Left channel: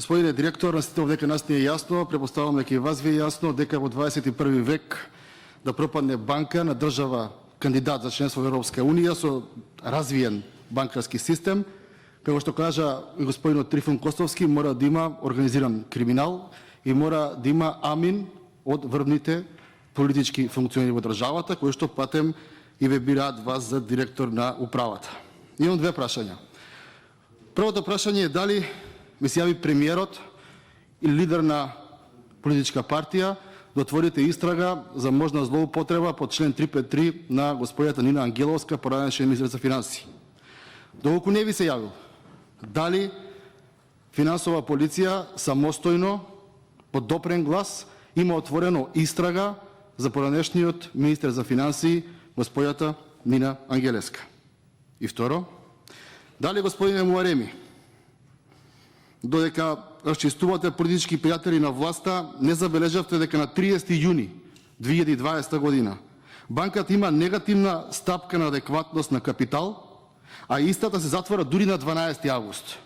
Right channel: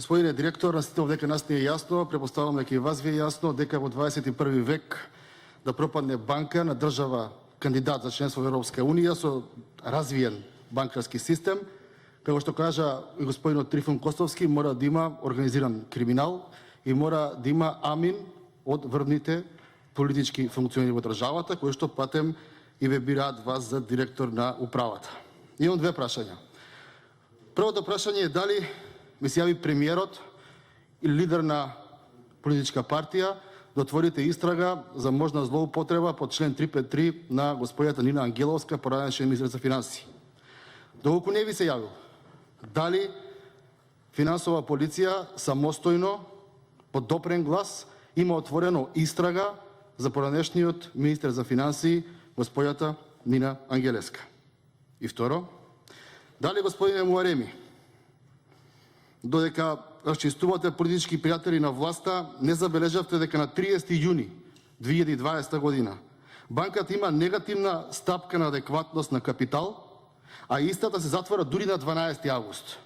Господине директор, настител дека нас не е јасно, препоставам дека и вас ви е јасно дека во 21 век да пропадне банка на држава кандидат за членство во Европска унија со развиен банкарски систем, како што кажа и господинот Трифон Костовски, мора да има организиран криминал и мора да има амин од врвните политички функционери во државата, кои што патем и ве бираат вас за директор на управата. Имам две прашања. Првото прашање е дали ми се јави премиерот или лидер на политичка партија да отворите истрага за можна злоупотреба по член 353 на господјата Нина Ангеловска, поранешен министер за финансии. Доколку не ви се јавил, дали финансова полиција самостојно, под допрен глас, има отворено истрага за поранешниот министер за финансии, господјата Нина Ангелевска? И второ, дали господине Муареми, додека расчистувате политички пријатели на власта, не забележавте дека на 30 јуни 2020 година банката има негативна стапка на адекватност на капитал, а истата се затвора дури на 12 август.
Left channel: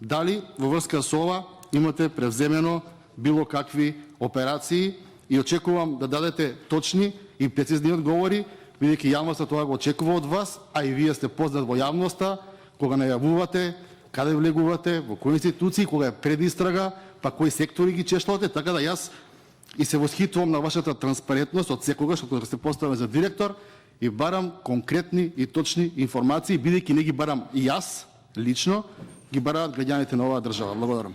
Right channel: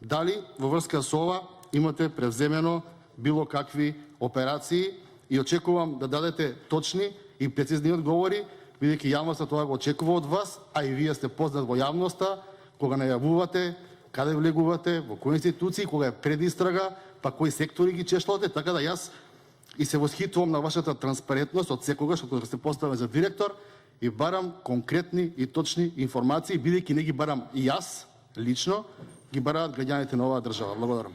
Дали во врска со ова имате превземено било какви операции и очекувам да дадете точни и прецизни одговори, бидејќи јавноста тоа го очекува од вас, а и вие сте познат во јавноста кога најавувате каде влегувате, во кои институции, кога е предистрага, па кои сектори ги чешлате, така да јас и се восхитувам на вашата транспарентност од секогаш кога сте поставени за директор и барам конкретни и точни информации, бидејќи не ги барам и јас лично, ги бараат граѓаните на оваа држава. Благодарам.